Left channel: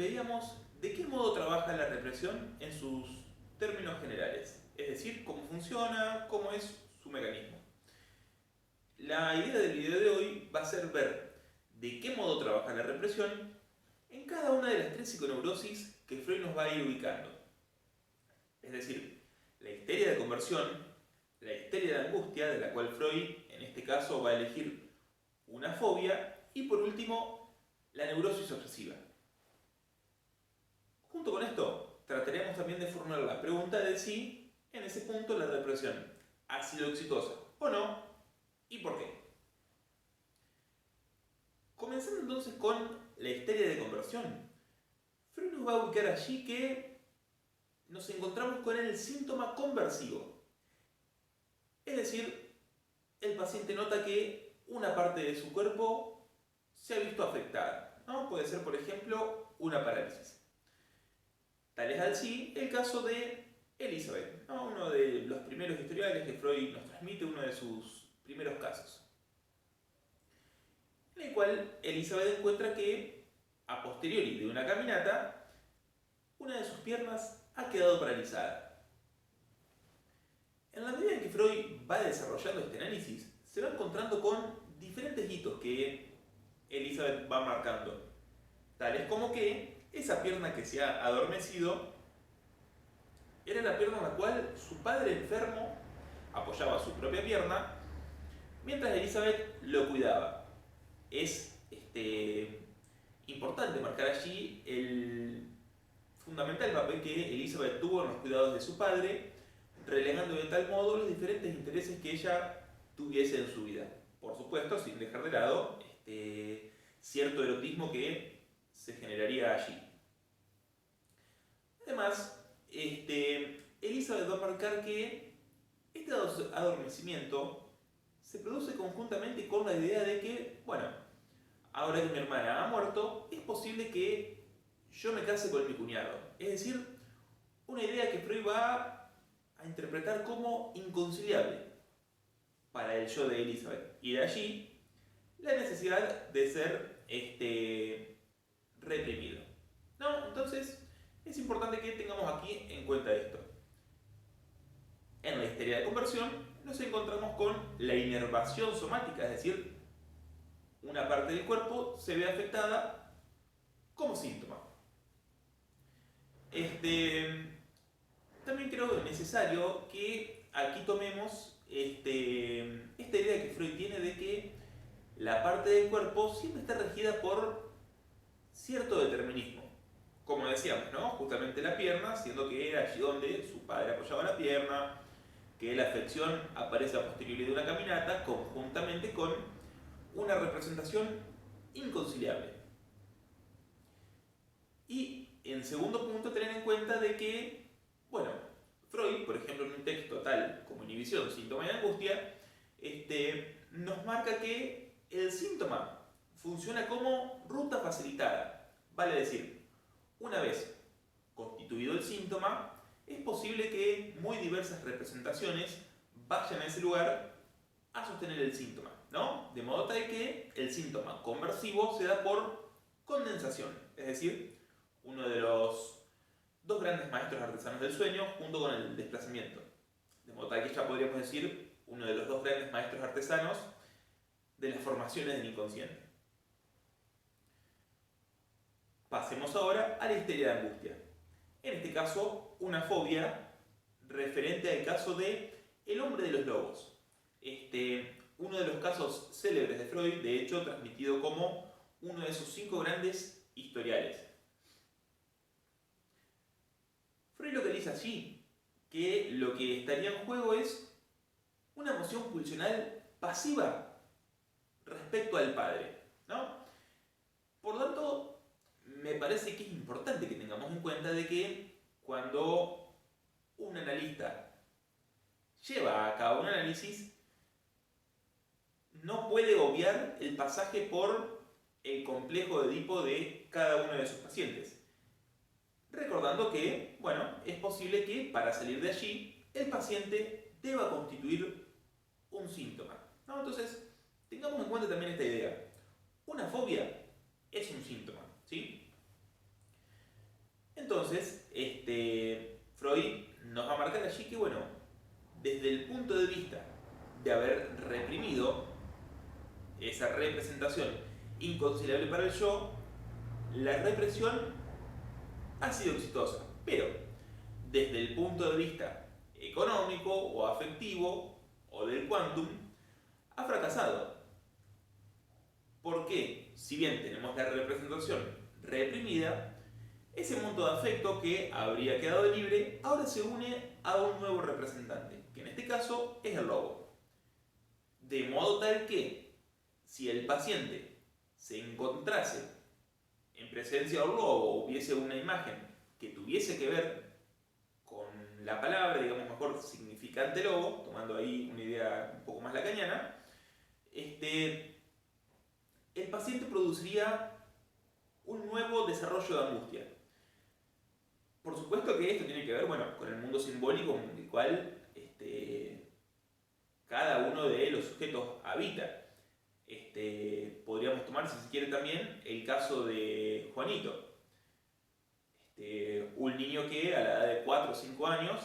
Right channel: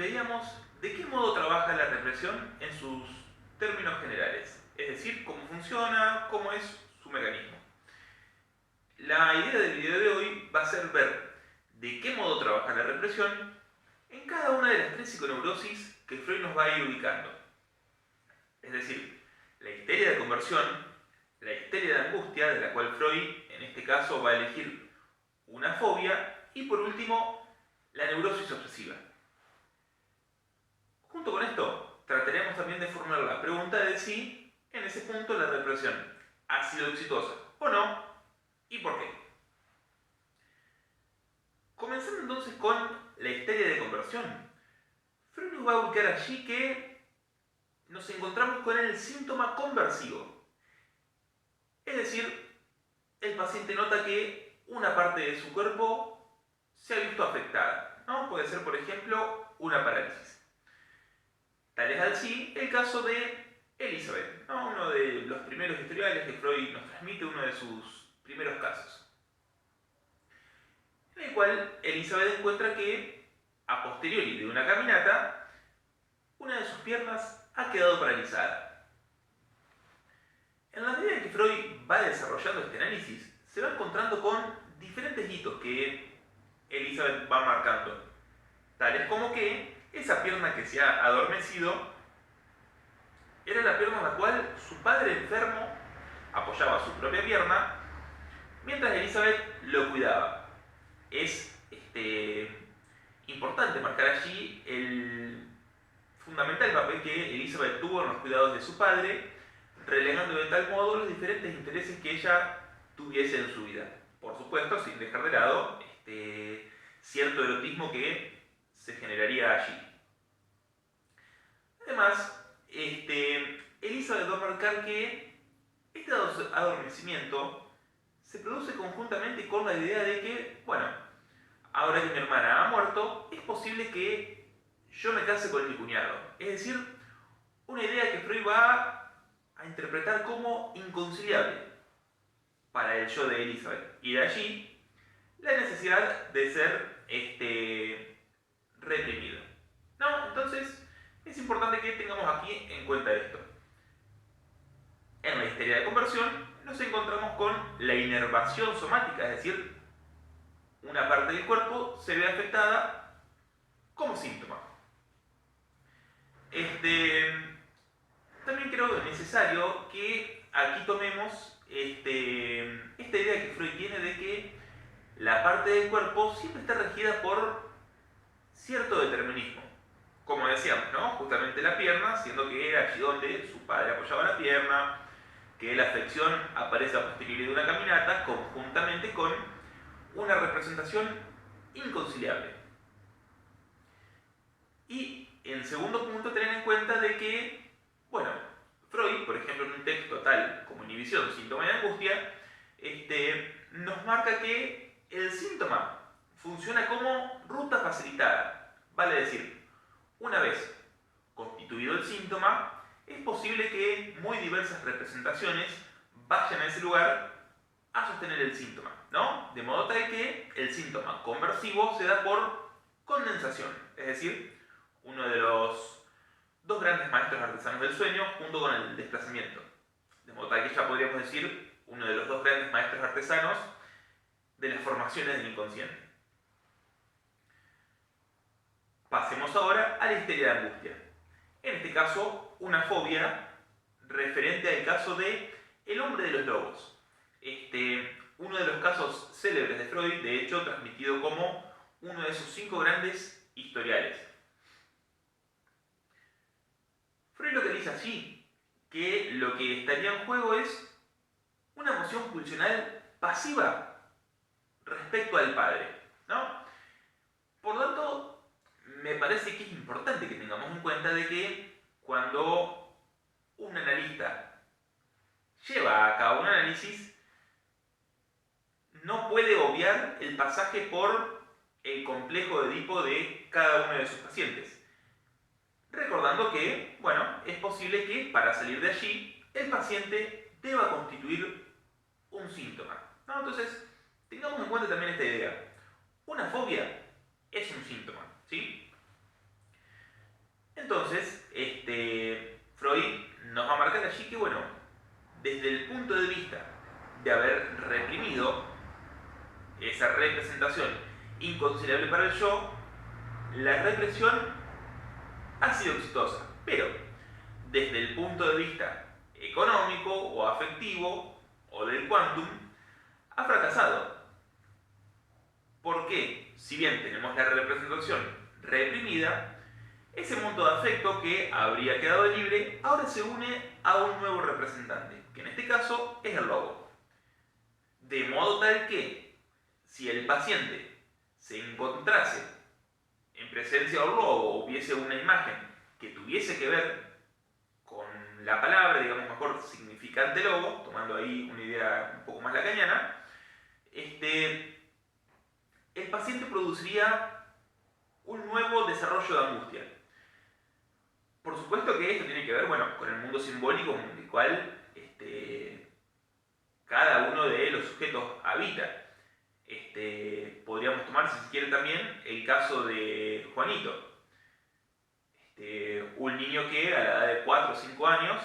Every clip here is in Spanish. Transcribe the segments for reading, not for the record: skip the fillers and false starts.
veíamos de qué modo trabaja la represión en sus términos generales, es decir, cómo funciona, cómo es su mecanismo. La idea del video de hoy va a ser ver de qué modo trabaja la represión en cada una de las tres psiconeurosis que Freud nos va a ir ubicando. Es decir, la histeria de conversión, la histeria de angustia, de la cual Freud en este caso va a elegir una fobia, y por último, la neurosis obsesiva. Junto con esto, trataremos también de formular la pregunta de si, en ese punto, la represión ha sido exitosa o no, y por qué. Comenzando entonces con la histeria de conversión. Freud nos va a ubicar allí que nos encontramos con el síntoma conversivo. Es decir, el paciente nota que una parte de su cuerpo se ha visto afectada, ¿no? Puede ser, por ejemplo, una parálisis. Tal es así el caso de Elizabeth, ¿no? Uno de los primeros historiales que Freud nos transmite, uno de sus primeros casos, en el cual Elizabeth encuentra que, a posteriori de una caminata, una de sus piernas ha quedado paralizada. En la medida en que Freud va desarrollando este análisis, se va encontrando con diferentes hitos que Elizabeth va marcando, tales como que esa pierna que se ha adormecido era la pierna en la cual su padre enfermo apoyaba su propia pierna mientras Elizabeth lo cuidaba. Es importante marcar allí el fundamental papel que Elizabeth tuvo en los cuidados de su padre, relegando de tal modo los diferentes intereses que ella tuviese en su vida. Por supuesto, sin dejar de lado cierto erotismo que se generaría allí. Además, Elizabeth va a marcar que este adormecimiento se produce conjuntamente con la idea de que, bueno, ahora que mi hermana ha muerto, es posible que yo me case con mi cuñado. Es decir, una idea que Freud va a interpretar como inconciliable para el yo de Elizabeth. Y de allí la necesidad de ser reprimido. ¿No? Entonces, es importante que tengamos aquí en cuenta esto. En la histeria de conversión nos encontramos con la inervación somática, es decir, una parte del cuerpo se ve afectada como síntoma. También creo necesario que aquí tomemos esta idea que Freud tiene de que la parte del cuerpo siempre está regida por cierto determinismo. Como decíamos, ¿no? Justamente la pierna, siendo que era allí donde su padre apoyaba la pierna, que la afección aparece a posteriori de una caminata, conjuntamente con una representación inconciliable. Y en segundo punto, tener en cuenta de que, bueno, Freud, por ejemplo, en un texto tal como Inhibición, síntoma de angustia, nos marca que el síntoma funciona como ruta facilitada. Vale decir, una vez constituido el síntoma, es posible que muy diversas representaciones vayan a ese lugar a sostener el síntoma, ¿no? De modo tal que el síntoma conversivo se da por condensación, es decir, uno de los dos grandes maestros artesanos del sueño junto con el desplazamiento. De modo tal que ya podríamos decir uno de los dos grandes maestros artesanos de las formaciones del inconsciente. Pasemos ahora a la histeria de angustia. En este caso, una fobia referente al caso de El hombre de los lobos. Uno de los casos célebres de Freud, de hecho, transmitido como uno de sus 5 grandes historiales. Freud localiza allí que lo que estaría en juego es una emoción pulsional pasiva respecto al padre, ¿no? Por lo tanto, me parece que es importante que tengamos en cuenta de que cuando un analista lleva a cabo un análisis, no puede obviar el pasaje por el complejo de Edipo de cada uno de sus pacientes. Recordando que, bueno, es posible que para salir de allí el paciente deba constituir un síntoma, ¿no? Entonces, tengamos en cuenta también esta idea. Una fobia es un síntoma, ¿sí? representación inconciliable para el yo, la represión ha sido exitosa. Pero, desde el punto de vista económico o afectivo o del quantum, ha fracasado. ¿Por qué? Si bien tenemos la representación reprimida, ese monto de afecto que habría quedado libre ahora se une a un nuevo representante, que en este caso es el lobo. De modo tal que, si el paciente se encontrase en presencia del lobo o hubiese una imagen que tuviese que ver con la palabra, digamos mejor, significante lobo, tomando ahí una idea un poco más lacaniana, el paciente produciría un nuevo desarrollo de angustia. Por supuesto que esto tiene que ver, bueno, con el mundo simbólico en el cual cada uno de los sujetos habita. Podríamos tomar, si se quiere, también el caso de Juanito. Un niño que a la edad de 4 o 5 años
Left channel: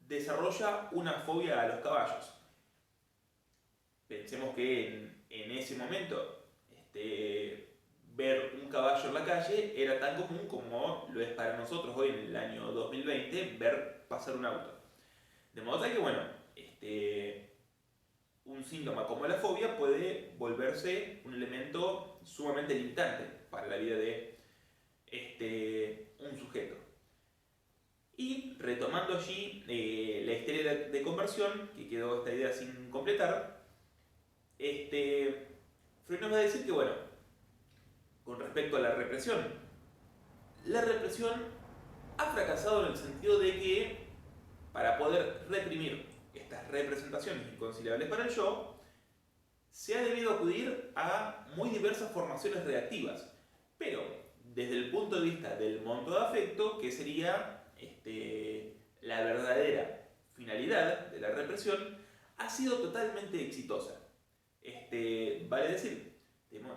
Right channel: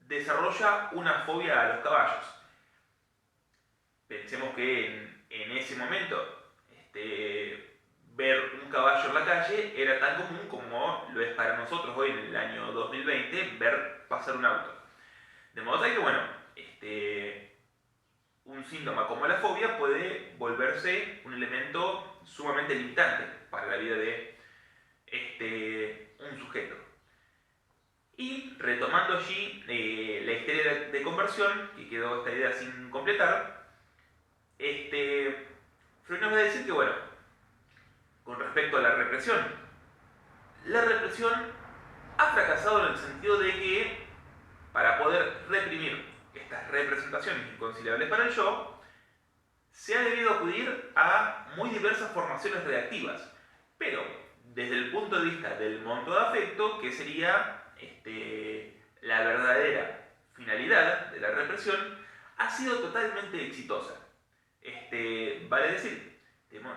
desarrolla una fobia a los caballos. Pensemos que en ese momento ver un caballo en la calle era tan común como lo es para nosotros hoy en el año 2020 ver pasar un auto. De modo tal que, bueno, un síntoma como la fobia puede volverse un elemento sumamente limitante para la vida de un sujeto. Y retomando allí la histeria de conversión, que quedó esta idea sin completar, Freud nos va a decir que, bueno, con respecto a la represión ha fracasado en el sentido de que para poder reprimir estas representaciones inconciliables para el yo, se ha debido acudir a muy diversas formaciones reactivas, pero desde el punto de vista del monto de afecto, que sería la verdadera finalidad de la represión, ha sido totalmente exitosa. Vale decir,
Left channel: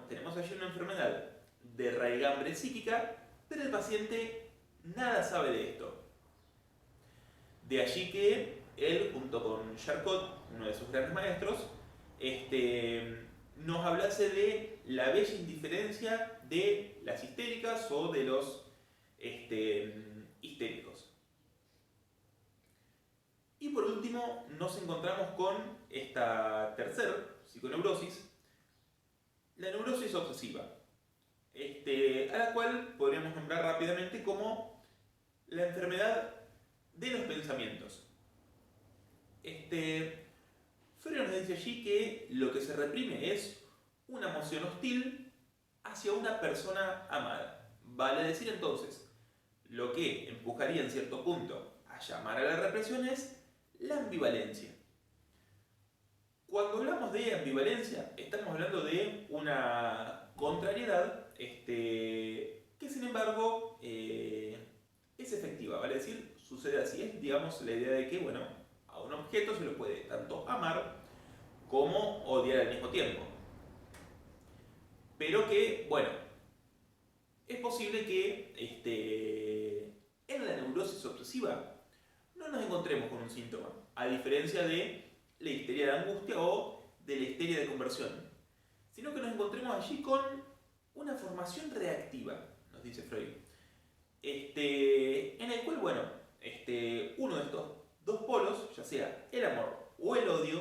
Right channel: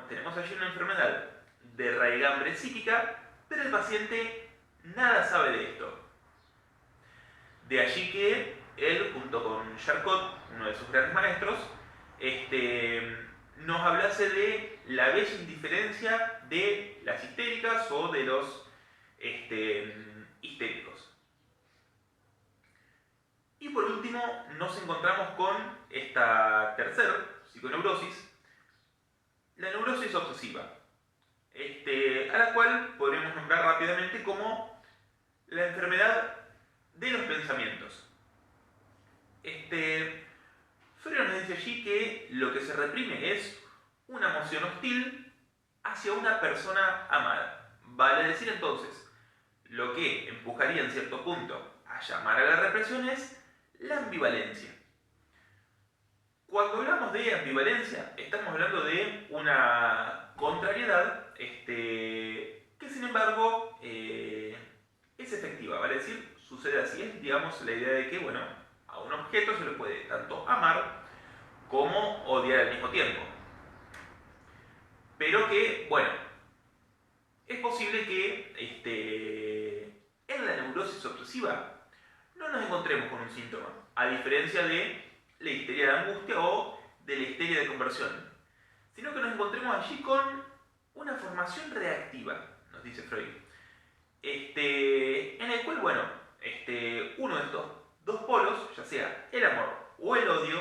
tenemos allí una enfermedad de raigambre psíquica, pero el paciente nada sabe de esto. De allí que él, junto con Charcot, uno de sus grandes maestros, nos hablase de la bella indiferencia de las histéricas o de los histéricos. Y por último, nos encontramos con esta tercera psiconeurosis, la neurosis obsesiva, a la cual podríamos nombrar rápidamente como la enfermedad de los pensamientos. Freud nos dice allí que lo que se reprime es una emoción hostil hacia una persona amada. Vale decir entonces, lo que empujaría en cierto punto a llamar a la represión es la ambivalencia. Cuando hablamos de ambivalencia, estamos hablando de una contrariedad que sin embargo es efectiva, vale decir, sucede así, es digamos la idea de que, bueno, a un objeto se lo puede tanto amar como odiar al mismo tiempo. Pero que, bueno, es posible que en la neurosis obsesiva no nos encontremos con un síntoma, a diferencia de la histeria de angustia o de la histeria de conversión, sino que nos encontremos allí con una formación reactiva, nos dice Freud, en el cual, bueno, uno de estos dos polos, ya sea el amor o el odio,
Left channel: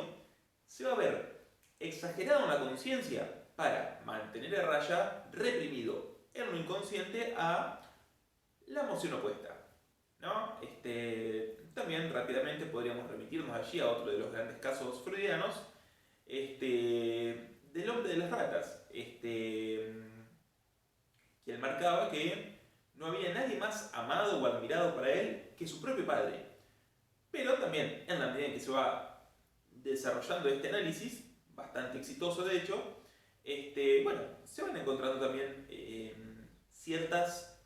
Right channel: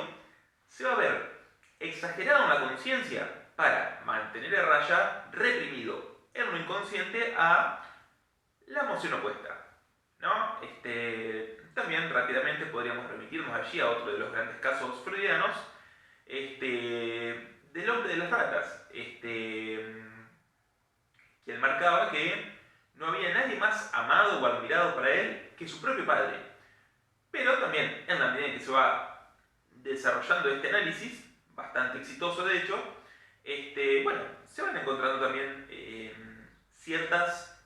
se va a ver exagerado en la conciencia para mantener a raya, reprimido en lo inconsciente a la emoción opuesta, ¿no? También rápidamente podríamos remitirnos allí a otro de los grandes casos freudianos, del hombre de las ratas, quien marcaba que no había nadie más amado o admirado para él que su propio padre. Pero también, en la medida en que se va desarrollando este análisis, bastante exitoso de hecho, bueno, se van encontrando también ciertas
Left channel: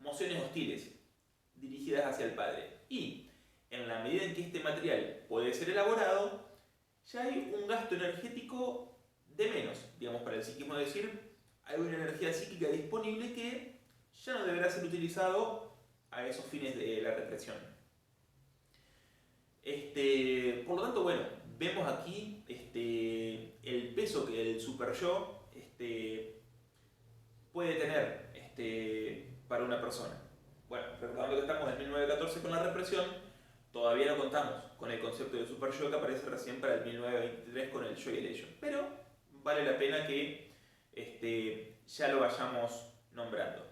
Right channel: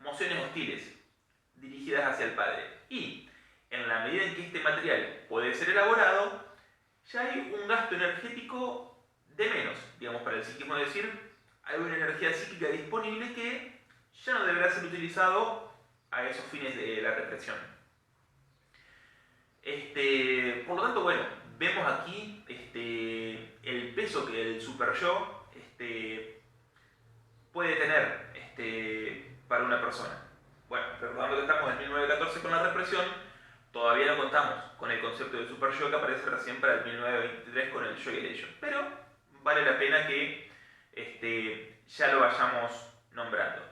emociones hostiles dirigidas hacia el padre. Y en la medida en que este material puede ser elaborado, ya hay un gasto energético de menos, digamos, para el psiquismo, es decir, hay una energía psíquica disponible que ya no deberá ser utilizado a esos fines de la represión. Por lo tanto, bueno, vemos aquí el peso que el super yo puede tener para una persona. Bueno, recordando que estamos en 1914 con la represión, todavía no contamos con el concepto de super yo que aparece recién para el 1923 con el yo y el ello. Pero vale la pena que ya lo vayamos nombrando.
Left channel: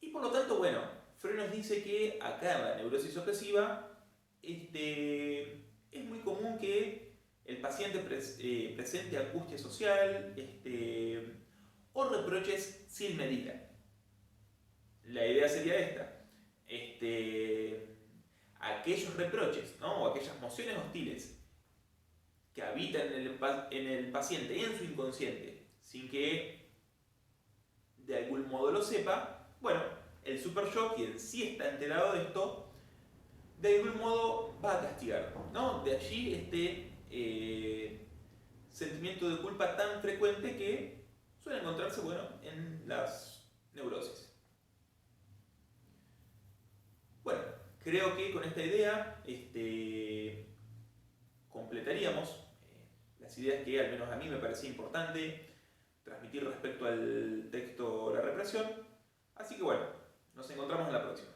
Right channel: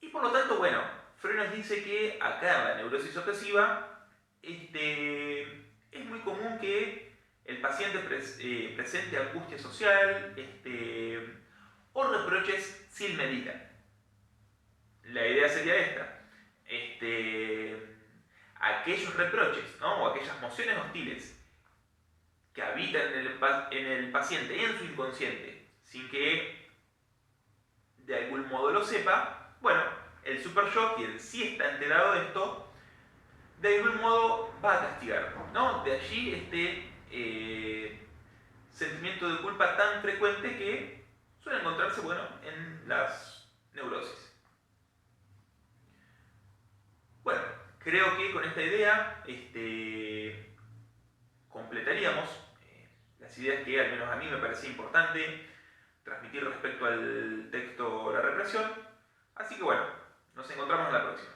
Y por lo tanto, bueno, Freud nos dice que acá en la neurosis obsesiva es muy común que el paciente presente angustia social o reproches sin medida. La idea sería esta. Aquellos reproches, ¿no? O aquellas emociones hostiles que habitan en el paciente y en su inconsciente, sin que de algún modo lo sepa, bueno, el super yo, quien sí está enterado de esto, de algún modo va a castigar, ¿no? De allí sentimiento de culpa tan frecuente que suele encontrarse, bueno, en las neurosis. Bueno, creo que con esta idea completaríamos las ideas que al menos a mí me parecía importante transmitir respecto al texto La represión. Así que bueno, nos encontramos en la próxima.